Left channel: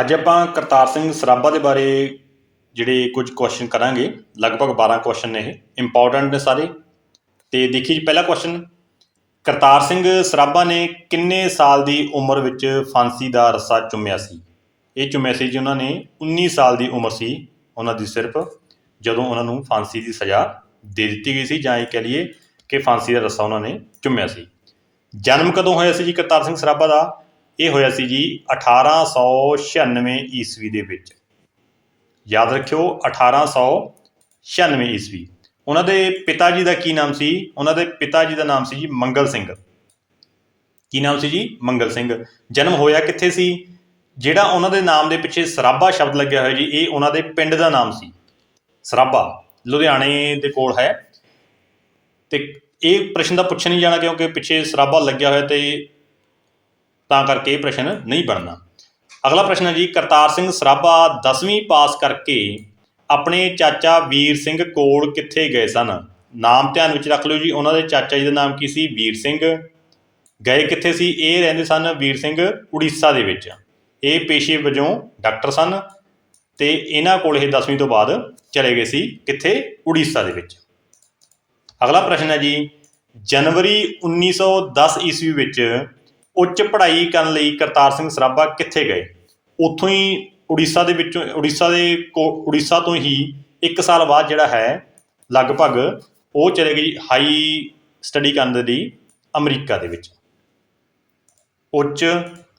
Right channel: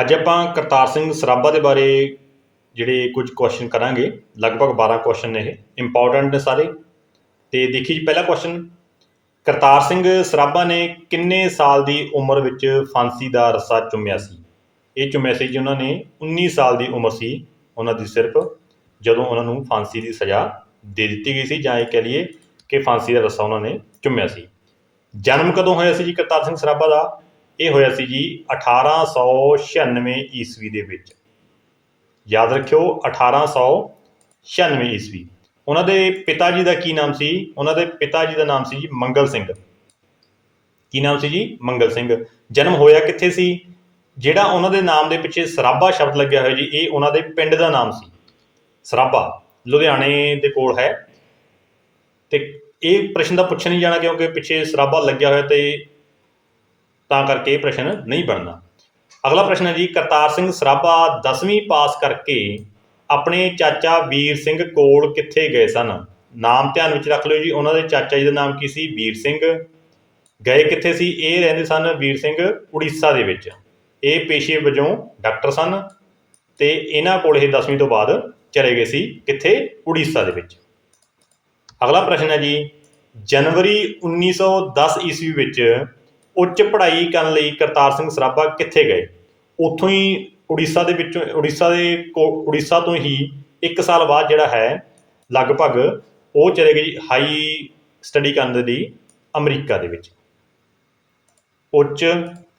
ਅੱਜ ਆਪਾਂ ਕਰਤਾਰ ਸਿੰਘ ਸਰਾਭਾ ਦੇ ਬਾਰੇ ਜਿਹੜੇ ਕੁਝ ਕੁਐਸਚਨ ਕਰਾਂਗੇ, ਲਗਭਗ 12 ਕੁਐਸਚਨ ਨੇ ਇਹ ਇੰਪੋਰਟੈਂਟ ਨੇ ਸਾਰੇ। ਤੇ ਦੇਖੀ ਜੀ, ਪਹਿਲਾ ਕੁਐਸਚਨ ਕਰਤਾਰ ਸਿੰਘ ਸਰਾਭਾ ਨੇ ਕਿੰਨੇ ਸਾਲ ਦੀ ਉਮਰ ਵਿੱਚ ਫਾਂਸੀ ਦਾ ਰੱਸਾ ਚੁੰਮਿਆ ਸੀ? ਇਹ ਚੁੰਮਿਆ ਸੀ ਜੀ ਉਹਨਾਂ ਨੇ 19 ਸਾਲ ਦੀ ਉਮਰ ਸੀ ਉਹਨਾਂ ਦੀ ਸਿਰਫ, ਜਦੋਂ ਉਹਨਾਂ ਨੂੰ ਫਾਂਸੀ ਦੀ ਸਜ਼ਾ ਦੇ ਦਿੱਤੀ ਗਈ ਸੀ, ਜਾਂ ਇਹ ਕਹਿ ਲਈਏ ਕਿ ਫਾਂਸੀ ਦਾ ਰੱਸਾ ਉਹਨਾਂ ਨੇ ਚੁੰਮਿਆ ਸੀ। ਜਨਮ ਕਦੋਂ ਹੋਇਆ ਸੀ ਜੀ ਕਰਤਾਰ ਸਿੰਘ ਸਰਾਭਾ ਦਾ? ਇਹ ਹੋਇਆ ਸੀ ਜੀ 1896 ਈਸਵੀ ਦੇ ਵਿੱਚ। ਯਾਦ ਰੱਖਿਓ 1896 ਈਸਵੀ। ਉਹਨਾਂ ਦੇ ਪਿਤਾ ਜੀ ਦਾ ਕੀ ਨਾਮ ਸੀ? ਉਹਨਾਂ ਦੇ ਪਿਤਾ ਜੀ ਦਾ ਨਾਮ ਸੀ ਜੀ ਮੰਗਲ ਸਿੰਘ। ਕੀ ਨਾਮ ਸੀ ਜੀ? ਮੰਗਲ ਸਿੰਘ। ਜਨਮ ਹੋਇਆ ਕਿੱਥੇ ਸੀ? ਜਿਹੜਾ ਉਹਨਾਂ ਦੇ ਨਾਮ ਦੇ ਪਿੱਛੇ ਸਰਾਭਾ ਸ਼ਬਦ ਲੱਗਿਆ ਹੋਇਆ ਜੀ, ਇਹ ਉਹਨਾਂ ਦੇ ਪਿੰਡ ਦਾ ਨਾਮ ਸੀ। ਸਰਾਭਾ ਲੁਧਿਆਣੇ ਦੇ ਕੋਲ ਹੈ। ਤੇ ਇਹ ਪ੍ਰਸ਼ਨ ਦਾ ਪੁੱਛਿਆ ਨਹੀਂ ਜਾਣਾ ਕਿਉਂਕਿ ਪਿੱਛੇ ਸਰਾਭਾ ਲੱਗਿਆ ਹੋਇਆ ਤੇ ਤਾਂ ਕਰਕੇ ਇਹ ਪ੍ਰਸ਼ਨ ਨਹੀਂ ਬਣਨਾ। ਅਗਲਾ ਪ੍ਰਸ਼ਨ ਹੈ ਜੀ, ਕਰਤਾਰ ਸਿੰਘ ਸਰਾਭਾ 10ਵੀਂ ਪਾਸ ਕਰਕੇ ਆਪਣੇ ਚਾਚਾ ਵੀਰ ਸਿੰਘ ਕੋਲ ਕਿੱਥੇ ਗਏ ਸਨ? ਨਾਮ ਧਿਆਨ ਵਿੱਚ ਰੱਖ ਲਿਓ ਜੀ, ਉਹਨਾਂ ਦੇ ਚਾਚਾ ਜੀ ਦਾ ਨਾਮ ਕੀ ਸੀ? ਵੀਰ ਸਿੰਘ। ਗਏ ਕਿੱਥੇ ਸੀ? ਇਹ ਰਹਿੰਦੇ ਸਨ ਵੀਰ ਸਿੰਘ ਉੜੀਸਾ ਦੇ ਵਿੱਚ। ਇਹ ਪੇਸ਼ੇ ਵਜੋਂ ਡਾਕਟਰ ਸਨ ਤੇ ਇਹਨਾਂ ਕੋਲ ਇਹ 10ਵੀਂ ਤੋਂ ਬਾਅਦ ਚਲੇ ਗਏ ਸੀ ਕਿੱਥੇ? ਉੜੀਸਾ ਦੇ ਵਿੱਚ। ਅਗਲਾ ਪ੍ਰਸ਼ਨ ਹੈ ਜੀ, ਜਨਵਰੀ 1910 ਈਸਵੀ ਵਿੱਚ ਉੱਚ ਪੜ੍ਹਾਈ ਕਰਨ ਲਈ ਕਰਤਾਰ ਸਿੰਘ ਸਰਾਭਾ ਕਿੱਥੇ ਗਏ? ਉੱਥੋਂ ਹੀ ਉੜੀਸਾ ਦੇ ਵਿੱਚੋਂ, ਉੜੀਸਾ ਦੇ ਕੋ- ਉੜੀਸਾ ਤੋਂ ਹੀ 1 ਸਾਲ ਬਾਅਦ ਜਿਹੜਾ ਹੈ, ਲਗਭਗ ਉਹ ਚਲੇ ਗਈ ਹਾਈ ਸਟੱਡੀ ਕਰਨ ਦੇ ਲਈ ਅਮਰੀਕਾ ਦੇ ਵਿੱਚ। ਉੱਚ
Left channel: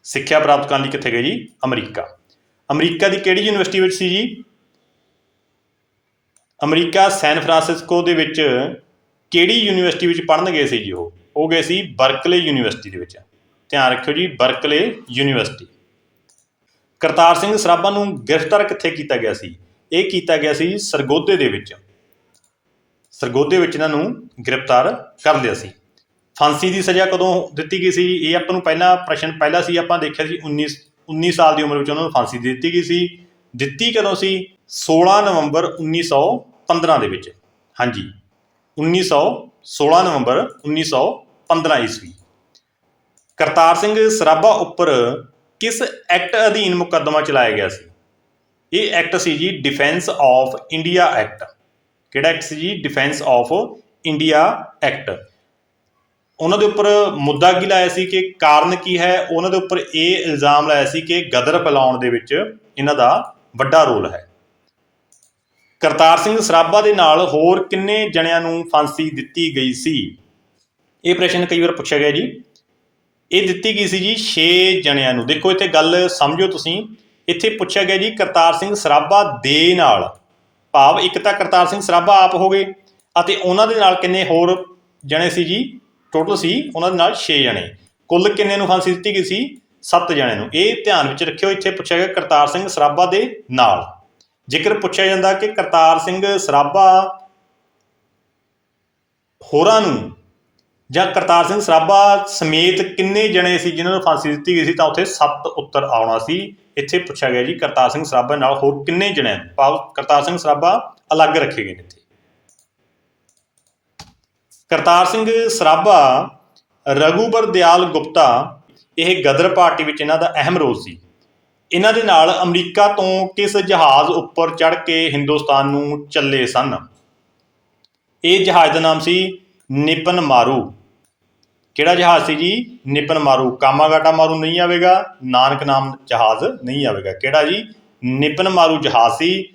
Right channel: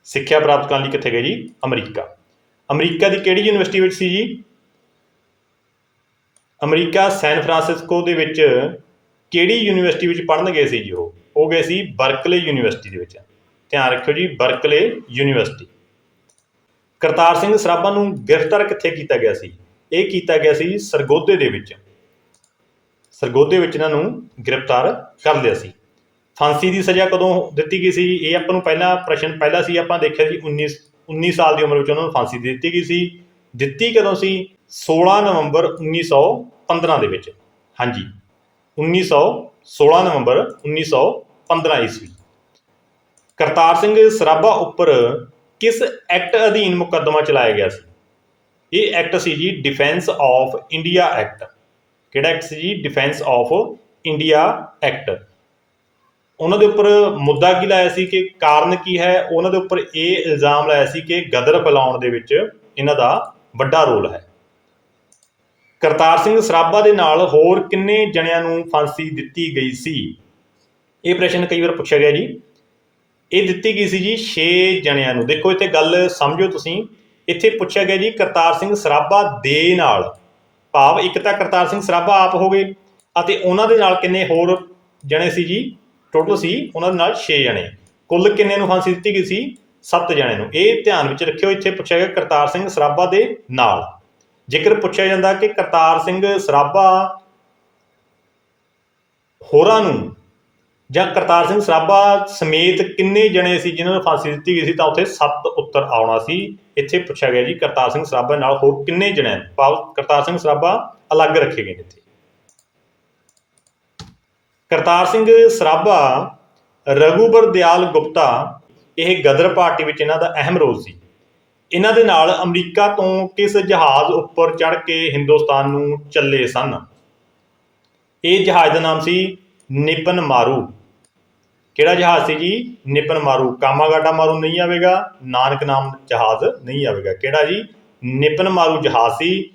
ਸਿੱਖਿਆ ਪ੍ਰਾਪਤ ਕਰਨ ਲਈ ਕਿੱਥੇ ਗਏ ਜੀ? ਅਮਰੀਕਾ। ਅਮਰੀਕਾ ਦੀ ਕਿਹੜੀ ਯੂਨੀਵਰਸਿਟੀ ਵਿੱਚ ਸੀ ਜੀ? ਅਮਰੀਕਾ ਸੈਨ ਫਰਾਂਸਿਸਕੋ ਦੇ ਵਿੱਚ ਕਿਹੜੀ ਯੂਨੀਵਰਸਿਟੀ ਵਿੱਚ ਪੜ੍ਹਨ ਗਏ ਸੀ ਜੀ ਉਹ? ਉਹ ਗਏ ਸੀ ਬਰਕਲੇ ਯੂਨੀਵਰਸਿਟੀ ਦੇ ਵਿੱਚ। ਧਿਆਨ ਰੱਖਿਓ ਜੀ, ਬਰਕਲੇ ਯੂਨੀਵਰਸਿਟੀ। ਕਰਤਾਰ ਸਿੰਘ ਸਰਾਭਾ ਨੂੰ ਗ੍ਰਿਫਤਾਰ ਕਿੱਥੇ ਕੀਤਾ ਗਿਆ ਸੀ? ਇਹ ਕੀਤਾ ਗਿਆ ਸੀ ਸਰਗੋਦੇ ਦੇ ਵਿੱਚ। ਸਰਗੋਦੇ ਵਿੱਚ ਇਹਨਾਂ ਨੂੰ ਗ੍ਰਿਫਤਾਰ ਕਰ ਲਿਆ ਸੀ। ਫਾਂਸੀ ਦੀ ਸਜ਼ਾ ਕਦੋਂ ਦਿੱਤੀ ਗਈ ਸੀ? ਇਹ ਆਪਾਂ ਨੂੰ ਪਹਿਲਾ ਪ੍ਰਸ਼ਨ ਪਹਿਲਾ ਸੀ, ਆਪਾਂ ਦੇਖਿਆ ਸੀ 19 19 ਸਾਲ ਦੀ ਉਮਰ ਵਿੱਚ ਉਹਨਾਂ ਨੂੰ ਫਾਂਸੀ ਦਿੱਤੀ ਗਈ ਸੀ। ਦਿੱਤੀ ਕਦੋਂ ਸੀ? 16 ਨਵੰਬਰ 1915 ਦੇ ਵਿੱਚ। ਹਾਂਜੀ 1900 16 ਨਵੰਬਰ 1915 ਈਸਵੀ। ਕਰਤਾਰ ਸਿੰਘ ਸਰਾਭਾ ਉੱਪਰ ਕਿਸ ਐਕਟ ਅਧੀਨ ਮੁਕੱਦਮਾ ਚਲਾਇਆ ਗਿਆ ਸੀ? ਇਹ ਐਕਟ ਸੀ ਜੀ ਡਿਫੈਂਸ ਆਫ ਇੰਡੀਆ ਐਕਟ ਕਿਹੜਾ ਐਕਟ ਸੀ ਜੀ? ਡਿਫੈਂਸ ਆਫ ਇੰਡੀਆ ਐਕਟ ਉਹਨਾਂ ਦੇ ਉੱਪਰ ਮੁੱਦਾ ਕੀ ਲਾਇਆ ਸੀ ਕਿ ਕਾਰਨ ਕੀ ਹੈ? ਉਹਨਾਂ ਦੇ ਉੱਪਰ ਇਹ ਇਲਜ਼ਾਮ ਲਾਇਆ ਸੀ ਕਿ ਗਦਰ ਫੈਲਾਉਣ ਦੇ ਵਿੱਚ ਇਹਨਾਂ ਦਾ ਵੱਡਾ ਰੋਲ ਹੈ। ਕਰਤਾਰ ਸਿੰਘ ਸਰਾਭਾ ਦੇ ਨਾਲ ਹੋਰ ਕਿੰਨੇ ਜਣਿਆਂ ਨੂੰ ਫਾਂਸੀ ਦਿੱਤੀ ਗਈ ਸੀ? ਇਹ ਪ੍ਰਸ਼ਨ ਕਈ ਵਾਰ ਪੁੱਛਿਆ ਗਿਆ ਜੀ। ਇਹ ਦਿੱਤੀ ਗਈ ਸੀ ਜੀ 6 ਜਣਿਆਂ ਨੂੰ। ਦੇਖੋ, ਇੱਥੇ ਗੱਲ ਸਮਝੋ ਤੁਸੀਂ। ਇੱਥੇ ਪੁੱਛਿਆ ਗਿਆ ਜੀ, ਕਰਤਾਰ ਸਿੰਘ ਸਰਾਭਾ ਦੇ ਨਾਲ। ਭਾਵ ਇੱਕ ਤਾਂ ਕਰਤਾਰ ਸਿੰਘ ਸਰਾਭਾ ਆਪ ਹੋ ਗਏ ਅਤੇ ਉਹਨਾਂ ਦੇ ਨਾਲ ਕਿੰਨੇ ਹੋਰ ਜਣੇ ਸੀ ਜੀ? ਟੋਟਲ ਸੀ ਉਹਨਾਂ ਦੇ ਨਾਲ 6 ਜਣੇ। ਕੁੱਲ ਕਿੰਨੇ ਨੂੰ ਫਾਂਸੀ ਦਿੱਤੀ ਗਈ ਸੀ? 7 ਜਣੇ ਨੂੰ। ਇਹ ਧਿਆਨ ਵਿੱਚ ਰੱਖਿਓ, ਇੱਥੇ ਪੁੱਛਿਆ ਗਿਆ ਕਰਤਾਰ ਸਿੰਘ ਸਰਾਭਾ ਦੇ ਨਾਲ। ਜੇਕਰ ਪੁੱਛਿਆ ਜਾਂਦਾ ਕਿ ਕਰਤਾਰ ਸਿੰਘ ਸਰਾਭਾ ਹੋਰਾਂ ਨੂੰ ਜਾਂ ਕਰਤਾਰ ਸਿੰਘ ਸਰਾਭਾ ਸਮੇਤ ਕਿੰਨੇ ਜਣੇ ਸੀ ਜਿਨ੍ਹਾਂ ਨੂੰ ਫਾਂਸੀ ਦਿੱਤੀ ਗਈ ਸੀ, ਤਾਂ ਉੱਥੇ 7 ਉੱਤਰ ਆਉਣਾ ਸੀ। ਇੱਥੇ ਪੁੱਛਿਆ ਗਿਆ ਜੀ, ਕਰਤਾਰ ਸਿੰਘ ਸਰਾਭਾ ਨਾਲ ਹੋਰ ਕਿੰਨੇ ਜਣੇ ਭਾਵ ਕਰਤਾਰ ਸਿੰਘ ਸਰਾਭਾ ਅਲੱਗ ਰੱਖੇ ਗਏ ਨੇ ਇੱਥੇ। ਕਰਤਾਰ ਸਿੰਘ ਸਰਾਭਾ, ਰਘੂਬਰ ਦਿਆਲ ਗੁਪਤਾ, ਇਹ ਗਦਰ ਪਾਰਟੀ ਵਿੱਚ ਇਹਨਾਂ ਦਾ ਅਹਿਮ ਰੋਲ ਸੀ। ਇਹਨਾਂ ਦੇ ਨਾਲ ਅਮਰੀਕਾ ਤੋਂ ਕਿਸ ਜਹਾਜ਼ ਉੱਪਰ ਚੜ੍ਹ ਕੇ ਹਿੰਦੁਸਤਾਨ ਨੂੰ ਚੱਲੇ ਸਨ? ਇਹ ਜਹਾਜ਼ ਦਾ ਨਾਮ ਸੀ ਨਿਪਨ ਮਾਰੂ। ਕਿਹੜਾ ਜਹਾਜ਼ ਸੀ ਜੀ? ਨਿਪਨ ਮਾਰੂ। ਕਾਮਾਗਾਟਾ ਮਾਰੂ ਨਹੀਂ ਆਵੇਗਾ, ਨਾਨਕ ਨਾਮ ਜਹਾਜ਼ ਨਹੀਂ ਆਵੇਗਾ। ਕਿਹੜਾ ਜੀ? ਨਿਪਨ ਮਾਰੂ ਜਹਾਜ਼ ਸੀ,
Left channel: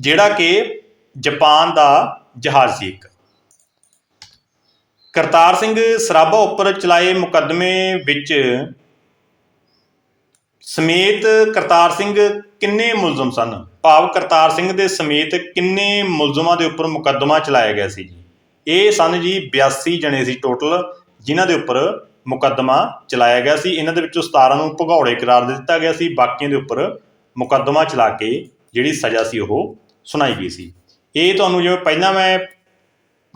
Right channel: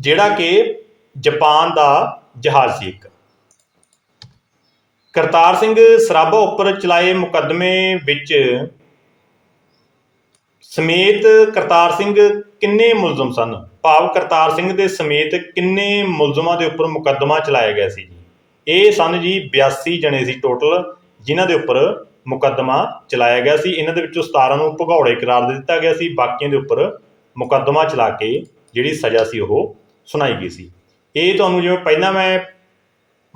ਜਿਹੜਾ ਕਿ ਜਾਪਾਨ ਦਾ ਜਹਾਜ਼ ਸੀ ਇੱਕ। ਕਰਤਾਰ ਸਿੰਘ ਸਰਾਭਾ ਉੱਪਰ ਚਲਾਏ ਮੁਕੱਦਮੇ ਵਿੱਚ ਸਮੇਤ ਕਰਤਾਰ ਸਿੰਘ ਕਿੰਨੇ ਮੁਲਜ਼ਮ ਸਨ? ਭਾਵ ਕਰਤਾਰ ਸਿੰਘ ਦੇ ਸਮੇਤ ਕਿੰਨੇ ਮੁਲਜ਼ਮਾਂ ਦੇ ਉੱਪਰ ਮੁਕੱਦਮਾ ਚਲਾਇਆ ਗਿਆ ਸੀ ਜੀ? ਇਹ ਸਨ ਜੀ 82 ਜਣੇ ਸੀ ਟੋਟਲ ਜਿਨ੍ਹਾਂ ਦੇ ਉੱਪਰ ਮੁਕੱਦਮਾ ਚਲਾਇਆ ਗਿਆ ਸੀ, ਇਹਨਾਂ ਦੇ ਵਿੱਚੋਂ 17 ਨੂੰ ਭਗੌੜੇ ਕਰਾਰ ਦੇ ਦਿੱਤਾ ਗਿਆ ਸੀ, ਬਾਕੀਆਂ ਦੇ ਉੱਪਰ ਮੁਕੱਦਮਾ ਚਲਾ ਕੇ ਜਿਹੜੀ ਸਜ਼ਾ ਸੀ ਉਹ ਸੁਣਾਈ ਗਈ ਸੀ। ਇਹ ਤੁਹਾਨੂੰ ਜਿਵੇਂ ਪਹਿਲਾਂ ਮੈਂ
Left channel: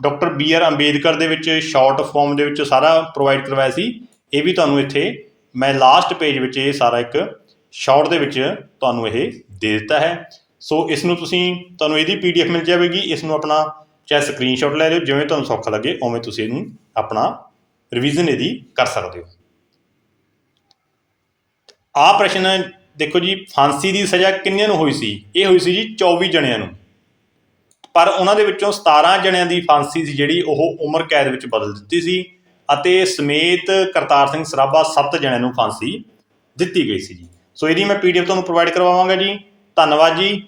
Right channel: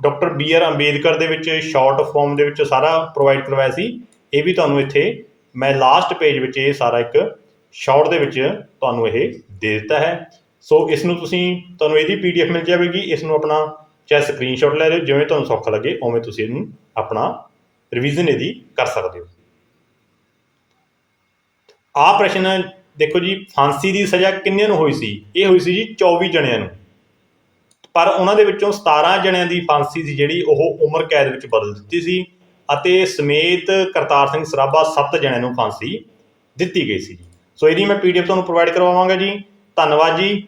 ਡਾਕਟਰ ਬੀ ਆਰ ਅੰਬੇਦਕਰ ਦੇ ਵਿੱਚ, ਸ਼ਾਰਟ ਫਾਰਮ ਦੇ ਵਿੱਚ ਸਾਰਾ ਪ੍ਰੋਵਾਈਡ ਕਰਵਾਇਆ ਸੀ, ਇਹ ਵੀ ਤੁਹਾਨੂੰ ਇੱਥੇ ਮੈਂ ਲਾਸਟ ਪੇਜ ਵਿੱਚ ਇਹ ਸਾਰਾ ਇੱਕ ਸ਼ਾਰਟ ਦੇ ਵਿੱਚ ਤੁਹਾਨੂੰ ਇਹ ਦੇ ਦਿੱਤਾ ਹੈ। ਸੋ ਇਸ ਨੂੰ ਤੁਸੀਂ, ਤੁਹਾਨੂੰ ਇਹਦੀ ਪੀਡੀਐਫ ਮਿਲ ਜਾਵੇਗੀ, ਇਸ ਨੂੰ ਆਪਣਾ ਚਾਹੇ ਸਕਰੀਨਸ਼ਾਟ ਲੈ ਲਿਓ, ਜਿਵੇਂ ਤੁਹਾਨੂੰ ਸੌਖਾ ਲੱਗੇ, ਉਵੇਂ ਤੁਸੀਂ ਇਹਨੂੰ ਆਪਣਾ ਰਿਵੀਜ਼ਨ ਇਹਦੀ ਕਰ ਸਕਦੇ ਹੋ। ਆਹ ਪ੍ਰਸ਼ਨ ਦੇਖੋ ਜੀ, ਫਾਂਸੀ ਦੀ ਸਜ਼ਾ ਕਿੰਨਿਆਂ ਨੂੰ ਹੋਈ ਸੀ? ਇਹ ਹੋਈ ਸੀ ਜੀ 24 ਜਣਿਆਂ ਨੂੰ। ਪਰ ਉਹਨਾਂ ਦੇ ਵਿੱਚੋਂ 17 ਜਣਿਆਂ ਦੀ ਫਾਂਸੀ ਸੀ ਜਿਹੜੀ ਉਹ ਉਮਰ ਕੈਦ ਵਿੱਚ ਬਦਲ ਦਿੱਤੀ ਸੀ ਅਤੇ ਸਮੇਤ ਕਰਤਾਰ ਸਿੰਘ ਸਰਾਭਾ 7 ਜਣਿਆਂ ਨੂੰ ਫਾਂਸੀ ਦਿੱਤੀ ਗਈ ਸੀ ਜੀ। ਸੋ ਇਹਦੀ ਮੈਂ ਪੀਡੀਐਫ ਤੁਹਾਨੂੰ ਪ੍ਰੋਵਾਈਡ ਕਰਵਾਵਾਂਗਾ ਜੀ। ਧੰਨਵਾਦ ਜੀ।